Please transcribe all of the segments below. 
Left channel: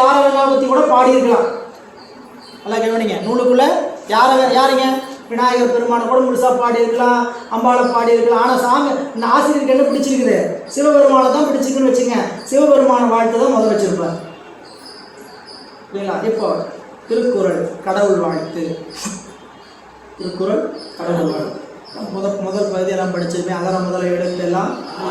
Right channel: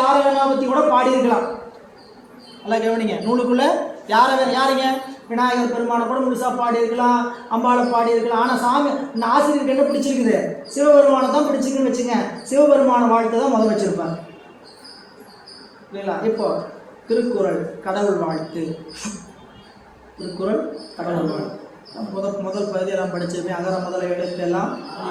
யாரை வேணா பற்றி கூட பாடியிருக்கலாம். நல்லா கவனிங்க, நூலுக்குள்ளே யாருங்க விநாயகர் பெருமானை கூட முழுசாக பாடியிருக்கலாம், அம்பாளை பாடியிருக்கலாம். ஆனால் சாமி இந்த ஆசிரியருக்கு என்ன பிடிச்சிருக்குது? சிவபெருமானை தான் பிடிச்சிருக்குன்னு வச்சுங்க. சிவபெருமான வாழ்த்து தான் முதல் வச்சிருப்பார் இல்லைங்களா? இப்போ திருக்குறள் கடவுள் வாழ்த்து, திருக்குறள் கடவுள் வாழ்த்து முதல் பகுதியெல்லாம் படிச்சிருப்பேன். அகர முதல எழுத்தெல்லாம்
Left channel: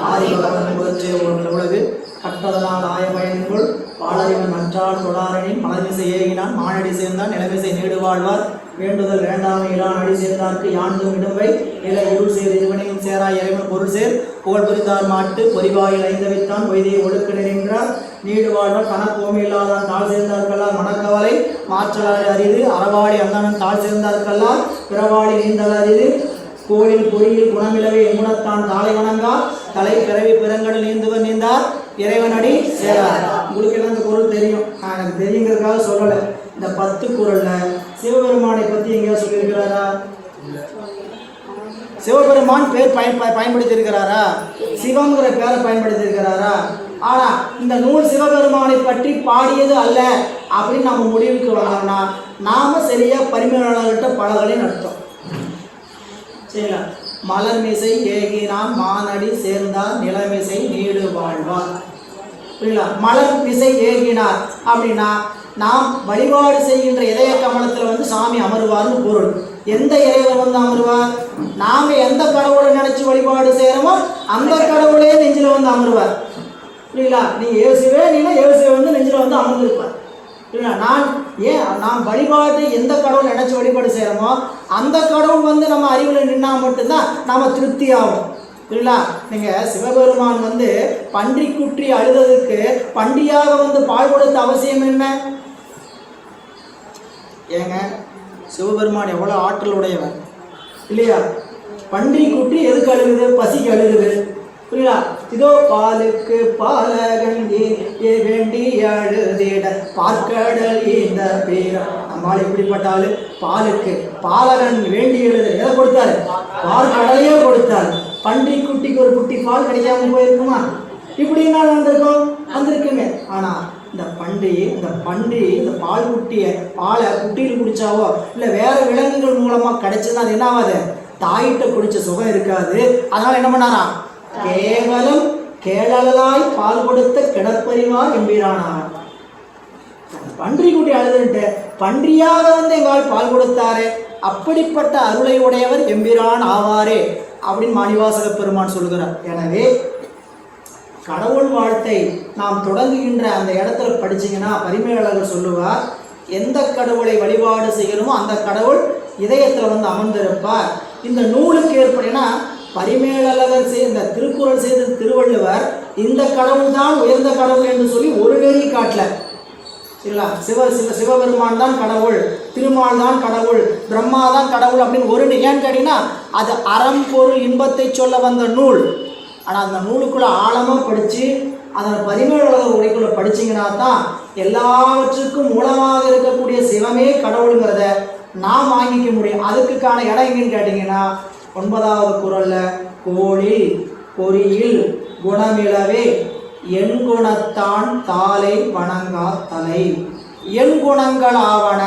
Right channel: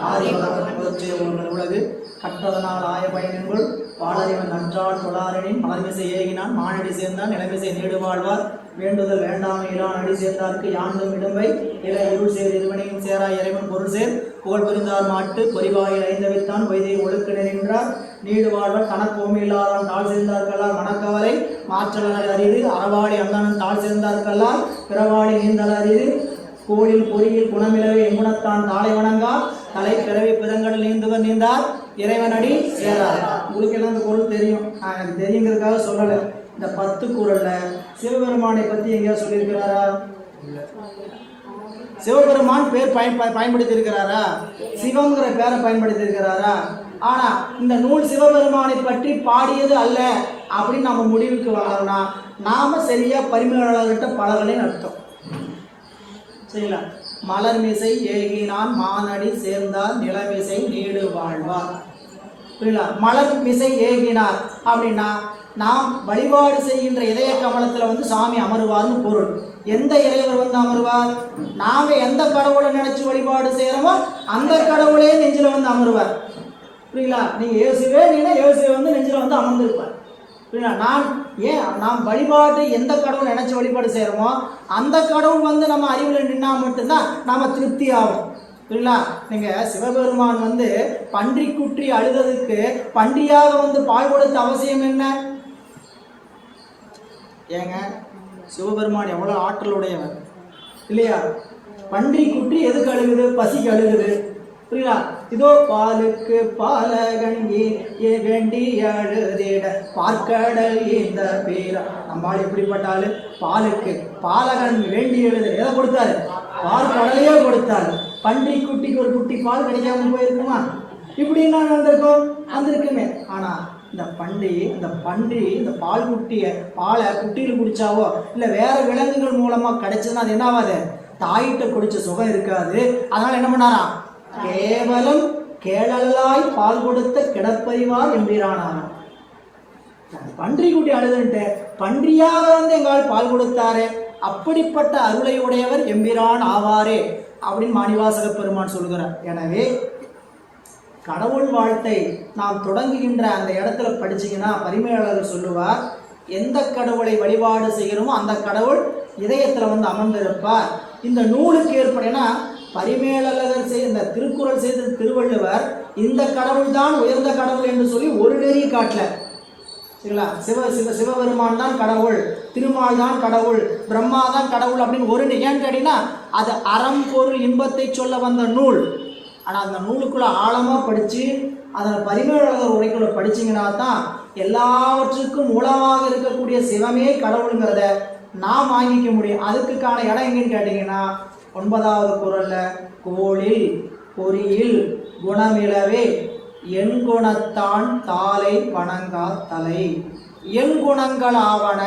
ஆதி முதற்சே உலகு கற்றதனால் ஆய பயனின்குள் பாலறிவன் நற்றால் தொழாரனின் மலர்மிசை ஏகினான் மானடி சேர்ந்தான் நிலைமிசை நீடு வாழ்வார் வேண்டுதல் வேண்டாமை இரான் அடி சேர்ந்தார்க்கு யாண்டும் இடும்பை நிலை இருள் சேர் இருவனையும் சேரா இறைவன் பொருள் சேர் புகழ் புரிந்தார் மாட்டு பொறிவாயில் ஐந்தவித்தான் வைத்தியை ஒழுக்க நின்றார் நீடு வாழ்வார் கணக்கோமி இல்லாதான் தாழ் சேர்ந்தார்கல்லால் மனக்கவலை மாற்றலாறு அரிது அறவாளி அண்ணன் தாழ் சேர்ந்தார்கல்லால் பிறவாளி நீந்தல் அரிது கோயில் பொறியில் குணமிலவை எங்குணத்தான் தாளை வணங்கா தலை பிறவி பிறங்கடல் நீந்துவன் நீந்தார் இறைவனடி சேரார். உங்களுக்கு எல்லாம் இந்த குறள் தெரியும், எனக்கு தெரியுங்கிறதுக்காக சொல்லலை. இந்த 10 குறள்ல சிவபெருமானை பற்றி எங்கேயாவது சொல்லியிருக்கிறாரா? சிவபெருமான் பேர் பயன்படுத்தி இருக்கிறாரா? சிவம்ங்கிற பேரை பயன்படுத்தி இருக்கிறாரா? ஆனா இந்த நூல் சிவபெருமானை பற்றி பாடியது அல்ல அப்படின்னு நம்ம முடிவுக்கு வரலாம்னா நாம சரியா பரிமையாளர்கிட்ட பழகலைன்னு அர்த்தம். சரிங்களா? மலர்மிசை ஏகினான் மானடி சேர்ந்தார் நிலமிசை நீடு வாழ்வார். புரியல? மலர் மிசை ஏகினார் அப்படின்னா நாம் வழிபாடு செய்கின்ற இதய கமலத்தில் சாமி அமருவார்னு பொருள். எந்த இறைவர் அமருவார்? நாம எந்த கடவுளை நினைச்சு வழிபாடு செய்யறோமோ அந்த கடவுளே நெஞ்சில அமருவார். புரியல? நீ இயேசுவே நீனா இயேசுவே நெஞ்சில அமர்ந்திருப்பார். புரியல? நாம் வழிபாடு எந்த கடவுளை நினைச்சு வழிபாடு செய்யறோமோ அந்த கடவுள் நம்ம அறிவில் நின்னா மட்டும்தான் நாம திருப்தி ஆகும். புரியல? நீங்க சிவபெருமான் பன்றி குற்றி அழுததுக்கு பன்றியாக பால் கொடுத்த அவசியம் என்ன? ஏங்க, சிவபெருமான் எவ்வளவு ஆற்றல் உடையவர் இல்லையா? பன்றி குற்றி எதுக்கு அழுகுது? பசிக்கு அழுகுது. புரியுதா? இதோ பாலுக்கு பாலகங்கி வேண்டி அழுதிட பார்க்கடல் இந்த பேரம். நம்மால் எப்படிப்பட்டாலு பாலுக்கு பாலகன் வேண்டி எழுது எதை கொடுத்தாரு? பார்க்கடலையே கொடுத்தாரு. பன்றி குட்டிக்கு ஒரு குட்டி பால் கிடைக்காம போயிருக்குமா? இப்படி என்ன நடந்திருக்கும்? வந்திருக்குமே. ஆனா இந்த பன்றி இந்த பால் குட்டியை பாலை குட்டியில் குடிச்சாவோ இல்லை வேற விலங்குகள் மூலமா கிடைச்சதுன்னா அது என்ன ஆகாது? தாயிட்ட குடிச்ச சுகம் இருக்காது. அதனால என்ன பண்ணாரா? கேவலம் கேளலாய் பால் கொடுத்த கிடப்பறிவார் எம்பிரானார். பன்றி குட்டி அழுதுன்ட்டு பன்றியாக எங்கால் பால் கொடுத்தாரே, அப்படிப்பட்ட அருளை உடையவர் எம்பிரான் ஆவாரே அப்படின்னு மாணிவாசக பெருமான் சொல்கிறார். எனவே கடவுள் வாழ்த்தை நாம் தொடங்குகின்ற அந்த இடத்துல படிச்சீங்கன்னா பரிமேலழகர் சொல்லுவார், எந்த கடவுளை வழிபாடு செய்கிறோமோ அந்த கடவுள் இதயத்தில் அமர்ந்திருப்பார். இந்த நூலுக்கு ஏற்படுனா பரிமேலழகர் இந்த திருக்குறள் செய்த திருவள்ளுவர் இந்த கடவுள் தான் உயர்ந்த கடவுள் என்று சொல்லி ஒரு நெறி காட்டல. சரிங்களா? சிவபெருமான் தான் கடவுள், திருமால் தான் கடவுள், பிரம்மா தான் கடவுள் அப்படின்னு ஒரு ஏன்னு கேட்டீங்கன்னா அது அறம் பொருள் இன்பத்தை சொல்ல வந்த நூல். ஆனால் அந்த நூலுக்குள்ள ஆழமாக படித்து அதன் பரிமேலழகர் உரைக்குள்ள படிச்சிங்கன்னா தான் எல்லாவற்றுக்கும் மூலமாக இருக்கக்கூடிய சிவமே கடவுளுங்கிறத நாம் வாங்கிக்க முடியும். அதுக்கான இடம் எங்கன்னு கேட்டிங்கன்னா 9வது குறள்ல கோளில் பொறியில் குணமிலவே என் குணத்தான் தாளை வணங்கா தலை என் குணங்கள் ஆவன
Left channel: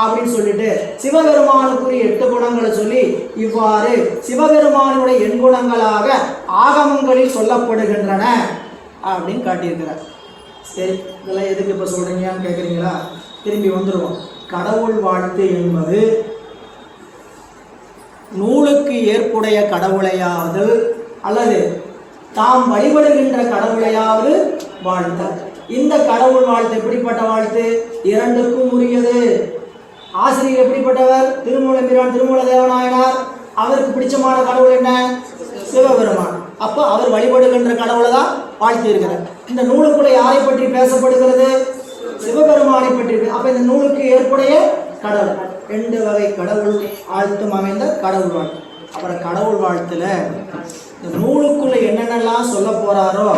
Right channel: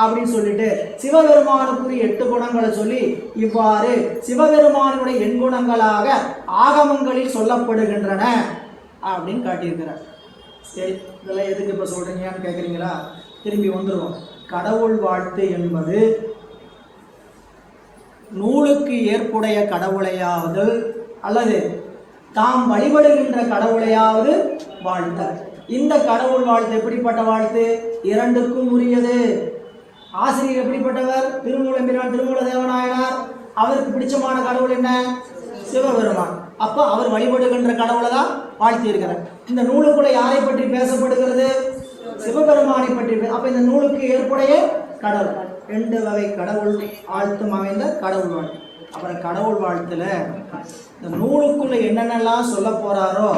அப்படின்னு சொல்லிட்டு சிவபெருமானுக்குரிய 8 குணங்களை சொல்லி இவ்வாறு சிவபெருமானுடைய எண்குணங்களாக ஆகமங்களில் சொல்லப்படுகின்றன அப்படின்னு காட்டியிருக்கிறார். சரி, இதெல்லாம் எதுக்கு இப்போ சொல்றீங்கன்னு கேட்குறீங்களா? திரும்பி வந்துடுவோம். கடவுள் வாழ்த்து என்பது நூலுக்கு ஏற்புடைய கடவுளையாவது அல்லது தாம் வழிபடுகின்ற கடவுளையாவது வாழ்த்தல். இந்த கடவுள் வாழ்த்து எப்படிப்பட்ட வாழ்த்து? இரண்டுக்கும் உரியது. ஆசிரியர் எப்படிப்பட்டவர்? திருமூலம்பிரான் திருமூல தேவநாயனார். அவருக்கு பிடிச்சமான கடவுள் என்ன? சிவபெருமான். அப்போ அவர் வழிபடுகின்ற கடவுளை தான் வாழ்த்தி இருக்கிறார். இந்த நூலுக்குள்ள யாரை பற்றி பேசப்படுகிறது? சிவபெருமானை பற்றி. அப்ப இந்த நூலுக்கு ஏற்புடைய கடவுள் 2 வகை கடவுள் வாழ்த்தும் அமைந்த கடவுள் வாழ்த்து. அப்புறம் கடவுள் வாழ்த்துல இந்த நூலுக்குள்ள என்னென்னலாம் சொல்ல போறாரோ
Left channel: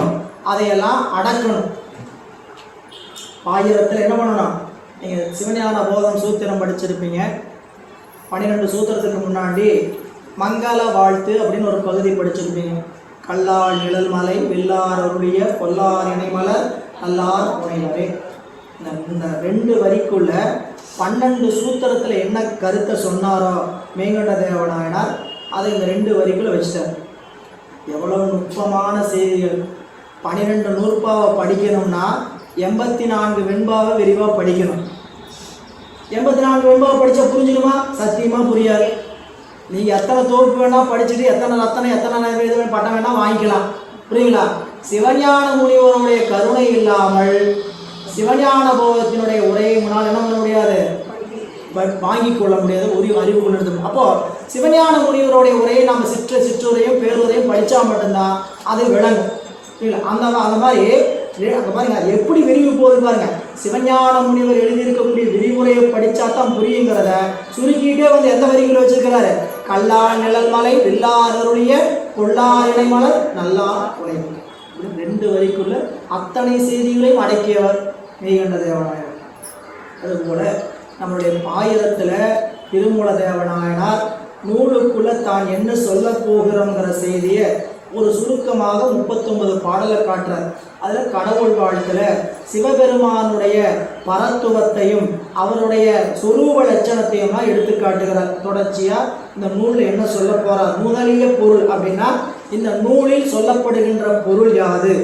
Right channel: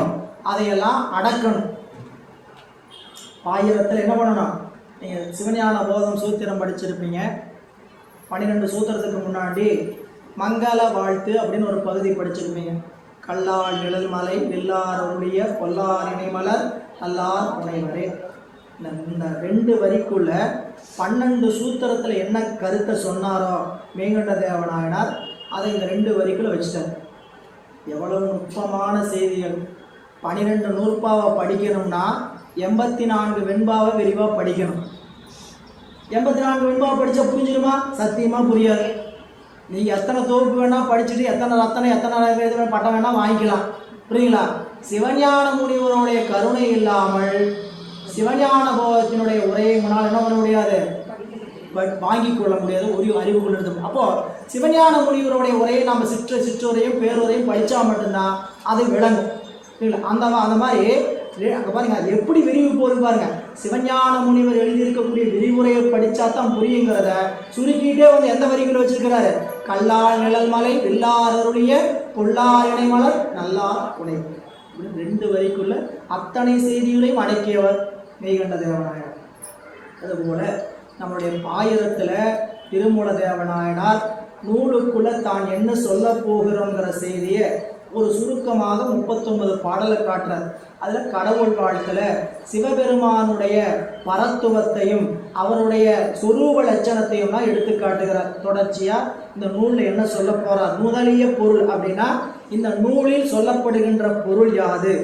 அதையெல்லாம் அடக்கணும். பாயிரத்தில் என்ன பண்ணணும்? நீங்கள் சிவஞான போதம் சூத்திரம் படிச்சிருப்பீங்க. 12 சூத்திரத்துக்கு முன்னாடி மங்கள வாழ்த்து அப்படின்னு ஒரு பகுதி படிச்சிருப்பீங்க. கல்லால் நிழல் மலை வில்லார் அருளிய கொல்லார் இணைமலர் நல்லார் உடையவரே. இந்த 2 வரிக்குள்ள 12 சூத்திரத்தில் என்ன கருத்தை சொன்னாரோ மெய்கண்ட தேவநாயனார் அதை இந்த 2 வரிக்குள்ள வச்சுட்டார். எவ்வளவு நுட்பமான செய்திகள்! 12 நூற்பாவை படிக்கணும்னா 84 வெண்பாவை விரிவாக படிக்கணும். 84 வெண்பாவை படித்தா புரிஞ்சிடுமா? சத்தியமாக புரியாது. நீங்கள் எத்தனை தொகுப்பு வேணால் படிச்சுட்டு எத்தனை இது பட்டம் வேணால் வாங்கிக்கலாம். புரியுங்களா? சிவஞான முனிவருடைய கருணை இல்லாமல் சிவஞான போகத்தினுடைய உரையை முன்னால் என்ன பண்ண முடியாது, வாங்கிக் கொள்ள முடியாது, ஒரு அறிவு கொண்டு. அப்போது சிவஞான முனிவருடைய உரையை நம்ம சிற்றுரையும் பேருரையும் படித்தா மட்டும்தான் அது விளங்கும். அந்த மாதிரி அங்கே பாருங்க எப்படி விரிவு போகுது பாருங்க. சிவஞான முனிவர் எழுதியிருக்கக்கூடிய விரிவுரையை படித்தா தான் புரியுங்கிறத சுருக்கிட்டே எந்த வரிகளை வச்சிருக்கிறாரு? கல்லார் நிழல் மலை வில்லார் அருளிய கொள்ளார் இணைமலர் நல்லார் கொலை. 2 வரிக்குள்ள அத்தனை செய்திகளையும் அடக்கியவர் மெய்கண்ட தேவநாயனார். அதுபோல நம்முடைய பாயிரத்தில் திருமூல தேவநாயனார் நூலுக்குள்ள தான் என்ன சொல்ல போகிறோங்கிற செய்தியை ஒரு சுருக்கமாக 39 பாடலை காட்டுறார். அதில் கடவுள் வாழ்த்தில் சிவபெருமானுடைய பரத்துவத்தையும் அவருடைய சொரூப லட்சணத்தையும் எடுத்து காட்டுகிறார். தொடர்ச்சியாக இந்த நூலில் என்ன சொல்ல போகிறார்? முதலிய பொருள் அப்படின்னா இந்த நூலில் சொல்லப்படுகின்ற பொருள் யாது?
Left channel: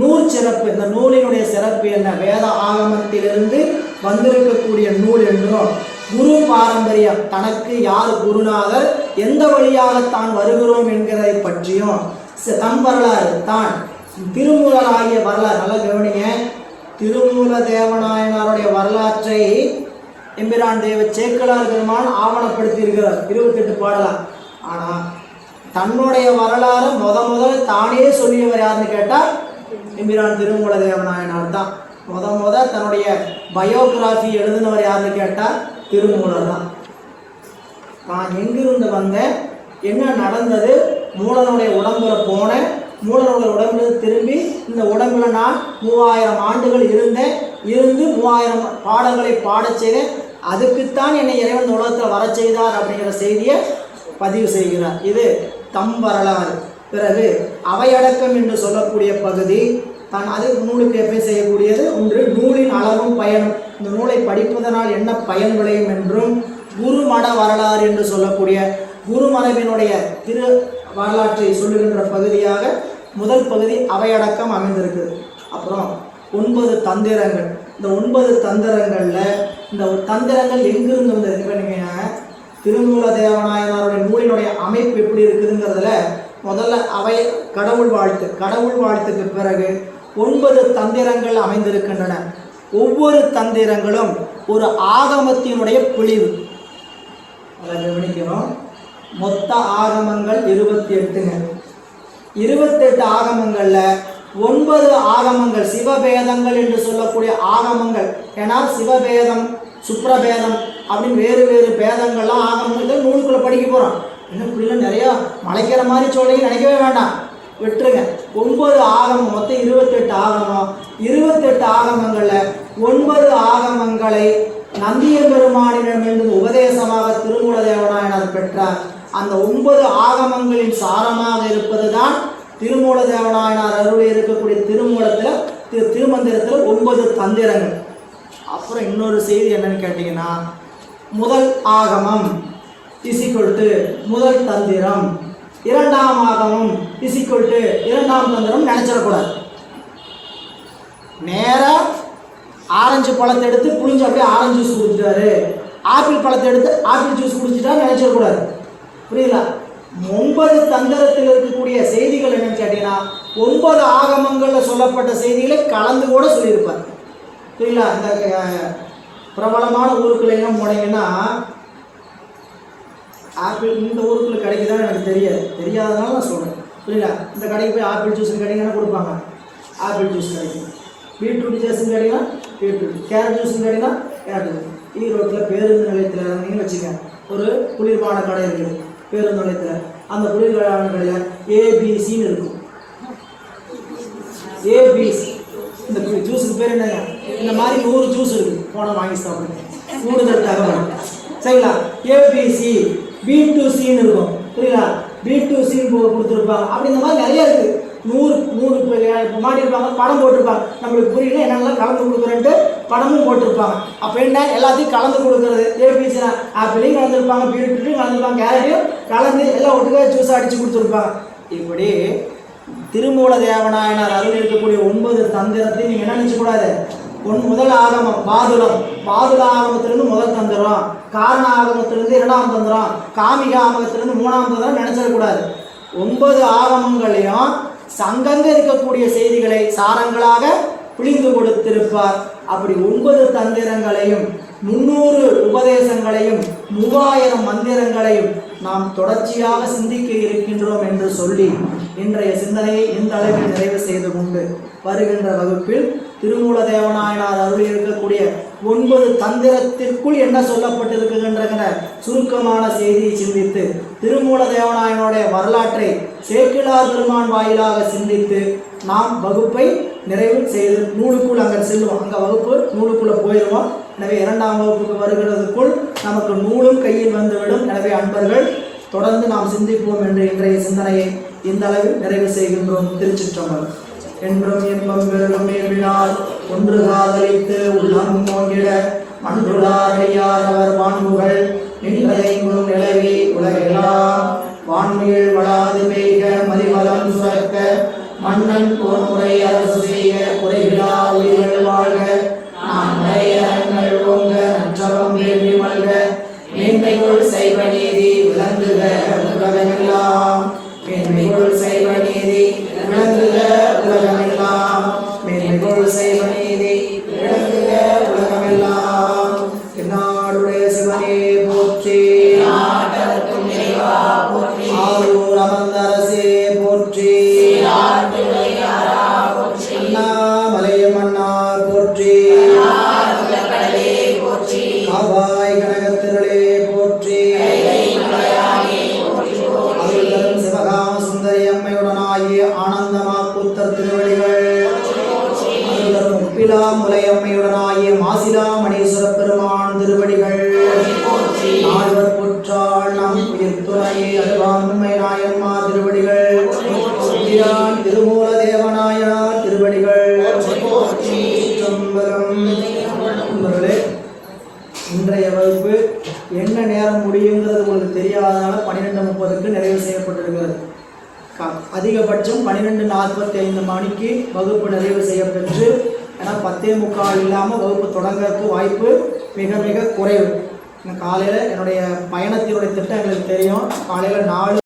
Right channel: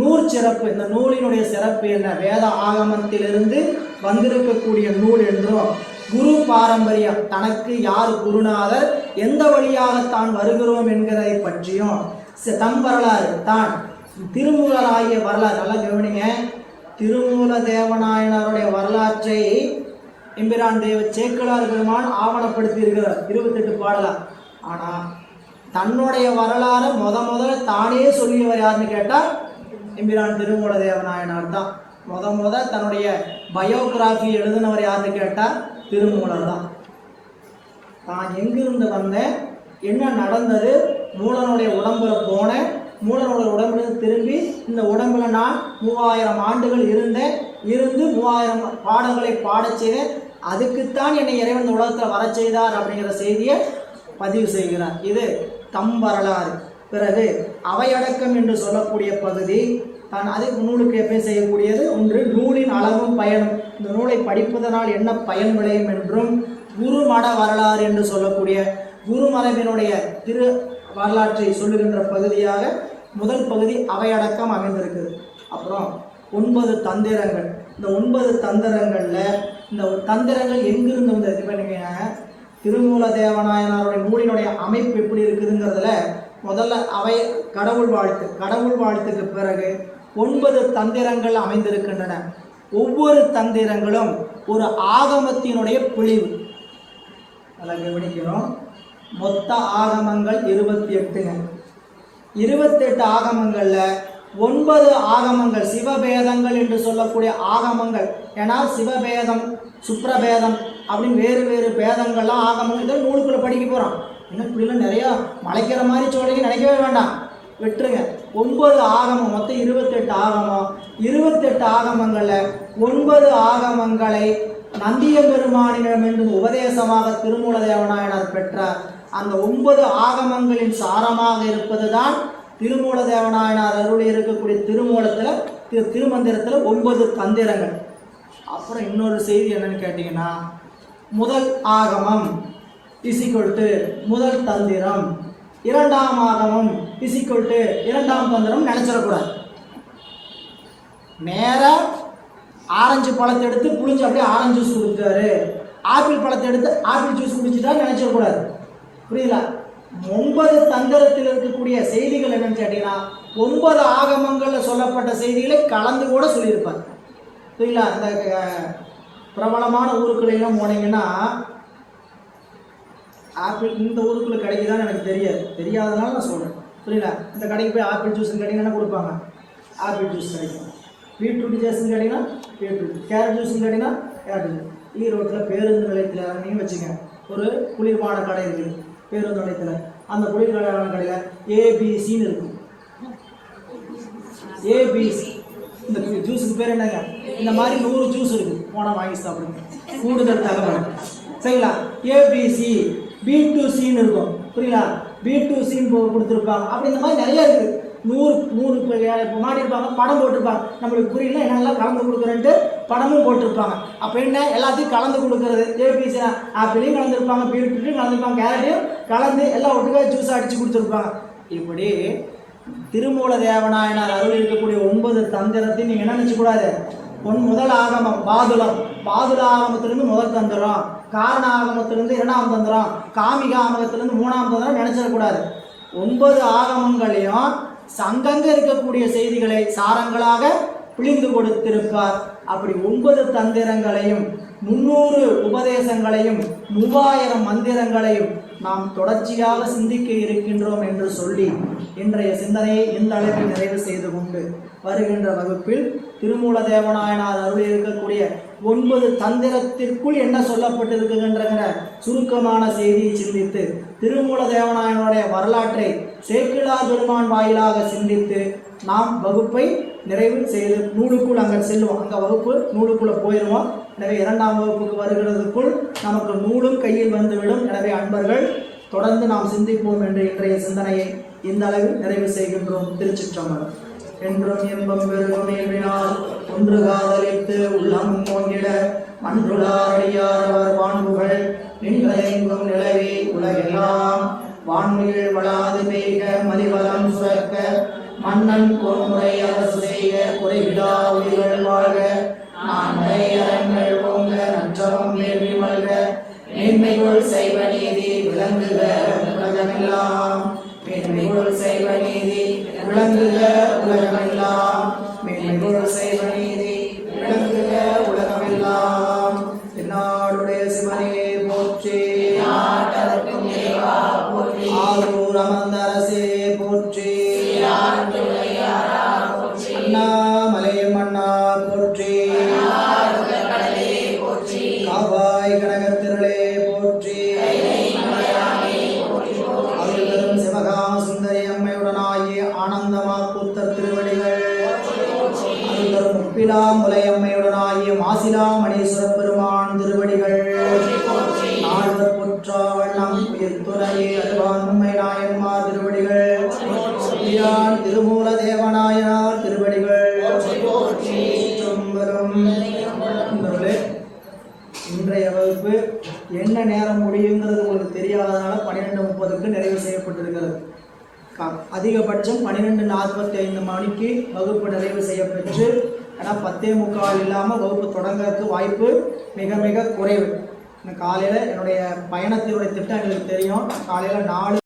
நூல் சிறப்பு, இந்த நூலினுடைய சிறப்பு என்ன? வேத ஆகமத்திலிருந்து வந்திருக்கக்கூடிய நூல் என்றும், குரு பாரம்பரியம், தனக்கு யார் குருநாதர், எந்த வழியாக தான் வருகிறோம் என்கிறதை பற்றியும், தம் வரலாறு, தான் திருமூலராகிய வரலாறு. நல்லா கவனிங்க, திருமூல தேவநாயனாருடைய வரலாற்றை எம்பிரான் தேவ சேக்கிழார் பெருமான் ஆவணப்படுத்தி இருக்கிறார் 28 பாடலாம். ஆனால் தன்னுடைய வரலாறு முதல்ல தானே சொல்லியவர் யாருன்னு கேட்டால் எம்பிரான் திருமூல தேவநாயனார் தான். தன்னுடைய பயோகிராஃபி எழுதினவர் யாருன்னு கேட்டால் திருமூலர் தான். தான் எங்கிருந்து வந்தேன், என்ன நடந்தது, மூலனுடைய உடம்புல போனேன், மூலனுடைய உடம்புல திரும்பி இந்த உடம்புல நான் 3000 ஆண்டுகள் இருந்து 3000 பாடங்களை பாடச் செய்தேன், அதுக்குத்தான் என்னை இறைவன் உலகத்தில் வர செய்தார் அப்படிங்கிற செய்தியை பதிவு செய்கிறார். இது தம் வரலாறு. பிறகு அவையடக்கம் என்று சொல்லக்கூடிய பகுதி தான் அது நூலுக்கு எப்படி செய்யக்கூடியது. ஒன்று நூலின் அளவும் பயனும், இந்த நூலை படிப்பதனால் என்ன பயன் விளையும் என்றும், குருமட வரலாறு என்று சொல்லக்கூடிய குருமரபினுடைய திரு வரலாற்றை சொல்லுகின்ற பகுதியாக முதல் பகுதி அவையடக்கம் அமைந்திருக்குது. அப்புறம் 9 தந்திரங்கள். இந்த 9 தந்திரங்களில் இந்த தந்திரங்கள் எங்கிருந்து வந்தது? இப்போ நீங்கள் திருமூல தேவநாயனாருடைய நூலினுடைய அமைப்பு எப்படி இருக்குதுங்கிறதுல முதல்ல அவை கடவுள் வாழ்த்துக்கு பிறகு 9 தந்திரங்கள் அமைந்திருக்கின்றன. ஒவ்வொரு தந்திரங்களும் ஒரு ஆகமத்தினுடைய பிழிவு. அதை கவனிக்கணும். மொத்த ஆகமங்கள் 28ங்க. 28 ஆகமங்களில் 9 ஆகமங்கள் சிவபேதங்கள் என்று சொல்லக்கூடிய ஆகமங்கள். ஏன்னா சிவபேதம் சுப்ரபேதம் அப்படின்னு வேறு பேதங்கள்லாம் ஆகமங்கள் இதை நூலுக்குள்ளே படிக்க போகிறோம். இன்னும் இப்படிலாம் நிறையா மலைக்கிற மாதிரி சொல்லி நினைக்கவே வேண்டாம், விட்டுருங்க. 9 ஆகமம், மொத்தம் 28 ஆகமம். 28 ஆகமங்களில் 9 ஆகமங்களை நந்தியம்பெருமானிடமிருந்து உபதேசமாக திருமூல தேவநாயனார் பெற்றார். அந்த 9 ஆகமங்களின் சாரமாக இருப்பது தான் திருமூல தேவநாயனார் அருளி இருக்கக்கூடிய திருமந்திரத்தில் 9 தந்திரங்கள். அப்புறம் இன்னொரு செய்தி என்னன்னு கேட்டிங்கன்னா, முதல் ஆகமம் இசிக்கொல்ட்டு முதல் தந்திரம், இரண்டாம் ஆகமம் இசிக்கொல்ட்டு இரண்டாம் தந்திரம் நினச்சிடக்கூடாது. நேராக ஆரஞ்சு பழத்தை எடுத்து புளிஞ்சு அப்படியே ஆரஞ்சு ஜூஸ் குடிச்சிட்டாரு, ஆப்பிள் பழத்தை எடுத்து ஆப்பிள் ஜூஸ் குடிச்சிட்டா நினைச்சிடக்கூடாது. புரியல? 9 தந்திரத்தில் இருக்கக்கூடிய செய்திகள் என்னன்னு கேட்டீங்கன்னா 9 ஆகமங்களில் சொல்லப்பட்ட செய்திகளை கலந்து கூட சொல்லியிருப்பார். புரியல? இந்த பிரபலமான ஊருக்குள்ள எல்லாம் போனீங்கன்னா ஆப்பிள் இந்த ஊருக்குள்ள கிடைக்குதான்னு எனக்கு தெரியாதனால நான் சொல்கிறேன். புரியல? இந்த கடைக்கு போய் ஆப்பிள் ஜூஸ் கேட்டிங்கன்னா கொடுப்பாங்க, ஆப்பிள் ஜூஸ் கிடைக்கும். பீட்ரூட் ஜூஸ்ன்னு கேட்டிங்கன்னா பீட்ரூட், கேரட் ஜூஸ்ன்னு கேட்டிங்கன்னா கேரட் ஜூஸ். ஈரோட்டில் பேருந்து நிலையத்தில் நீங்கள் வச்சுக்கேன், ஒரு குளிர்பான கடை இருக்குது பேருந்து நிலையத்தில். அந்த குளிர்பான கடையில் ஏபிசின்னு இருக்கும். ஏபிசி இந்த ஜூஸுக்கு பேர் என்னங்க? இந்த மாதிரி 100 ஜூஸ் இருக்குது, போனால் வாங்கி சாப்பிடுங்க, கூடுதல் தகவல். சரிங்களா? ஏபிசி B2Cன்னு இருக்கும். புரியல? B2Cன்னு கொடுத்துருப்பாங்க. அப்படி இந்த மாதிரி நிறையா இருக்குது. 100 மாடி இருப்பாங்க, படம் போட்டிருப்பாங்க. நம்மளுக்கு புரியல என்னெல்லாம் கலந்து கொடுக்குறேன்ட்டு படமும் போட்டிருப்பாங்க. அப்போ என்ன எல்லாத்தையும் கலந்து கொடுக்குறது, ஏபிசி ஆப்பிளையும் கலந்துருப்பாங்க, பீட்ரூட்டையும் கலந்துருப்பாங்க, கேரட்டையும் கலந்து எல்லாம் ஒட்டுக்காக ஜூஸாக அடித்து கொடுத்துருப்பாங்க. இப்படி திருமூல தேவநாயனார் அருள் இருக்கக்கூடிய 9 தந்திரத்தையும் நீங்கள் என்ன நினச்சக்கூடாது. முதல் ஆகமம் பாதுலம், பாதுல ஆகமத்திலிருந்து முதல் தந்திரம், காரண ஆகமத்திலிருந்து 2ஆம் தந்திரம், காமிக ஆகமத்திலிருந்து 3ஆம் தந்திரம் நினைச்சிடக்கூடாது. 9 ஆகமங்களையும் சங்கங்க இருக்கக்கூடிய செய்திகளை சாரங்களாக பிழிந்து கொடுத்திருப்பார். அப்படி 9 தந்திரங்களையும் 300 உபதேசங்களையும் 3000 மந்திரங்களையும் நாம் தொடர்ச்சியாக சிந்திக்க இருக்கின்றோம் என்று சொல்லி இன்றைய சிந்தனையை இந்த அளவில் நிறைவு செய்து கொண்டு வருகின்ற வகுப்பில் திருமூல தேவநாயனார் அருள் இருக்கக்கூடிய 9 தந்திரத்திற்குள் என்ன சொல்லப்பட்டிருக்கின்ற சுருக்கமான செய்தியை சிந்தித்து திருமூல தேவநாயனுடைய வரலாற்றை சேக்கிழார் பெருமான் வாயிலாக சிந்தித்து நாம் வகுப்பை நிறைவு செய்து நூலுக்குள் அங்கே செல்லுவோம். அங்கே வகுப்பு நூலுக்குள்ளே போயிடுவோம். எனவே 2ஆம் வகுப்புக்கு வருகிறதுக்குள் நமக்கு நூலும் கையில் வந்துவிடும். எனவே அன்பர்கள் தொடர்ந்து நாம் சிந்திப்போம் என்று இன்றைய சிந்தனையை இந்த அளவில் நிறைவு செய்கின்றோம். திருச்சிற்றம்பலம். என்றும் இன்பம் பெருகும் இயல்பினால் ஒன்று காதலித்து உள்ளம் மோங்கிட மன்றுளாரையாதவர் வான்முகள் நின்றதைங்கும் நிலவி உலகெல்லாம் வான்மையில் வளாது பெய்க மலிவலம் சுரக்க மன்னன் போன்முறை அரசு செய்க குறைவிலா ஒளிகள் வாழ்க நான் மறையரங்கள் ஓங்க நற்றவம் வேண்டி மல்க மேன்மைக்குள் செய்வ நீதி விளங்குக உலகமெல்லாம் மேன்மைக்குள் செய்வ நீதி விளங்குக உலகமெல்லாம் மேன்மைக்குள் செய்வ நீதி விளங்குக உலகமெல்லாம். திருநாடுடைய சிவனே போற்றி, ஆரூர் அமர்ந்த அரசே போற்றி, அண்ணாமலை மன்னார் போற்றி, காவாய் கனகத்திரளே போற்றி, அருள்தரும் சிவகாம சுந்தரி அம்மையுடனாகிய ஆனந்தமா கூத்தர் திருவடிகள், அருள்தரும் முப்பிலா முலையம்மையுடனாகிய மாசிலா மணீஸ்வர பெருமான் திருவடிகள், நால்வர் புற்றாள் நம் உயிர் துணையே அருளான் உண்மை நாயன்மா திருவடிகள், திருமூல தேவநாயனார் திருவடிகள். இன்றைய வகுப்பு என்ன நேரம் முடியுங்கிறது உங்களுக்கு தெரியாதனால 12:30க்கு நிறைவு செய்யப்பட்டிருக்கிறது. அதிகபட்சம் 12:45 மணிக்கு வகுப்பு நிறைவு செய்யப்பெற்று, ஏன்னா 10:45 இல்லாமல் வகுப்பு தொடங்கிறதுக்கு வாய்ப்பு மிக மிக குறைவு. காலையில் என்னுடைய பயணத்தினுடைய திட்டம் எங்களுக்கு தெரியும். காலையில் 4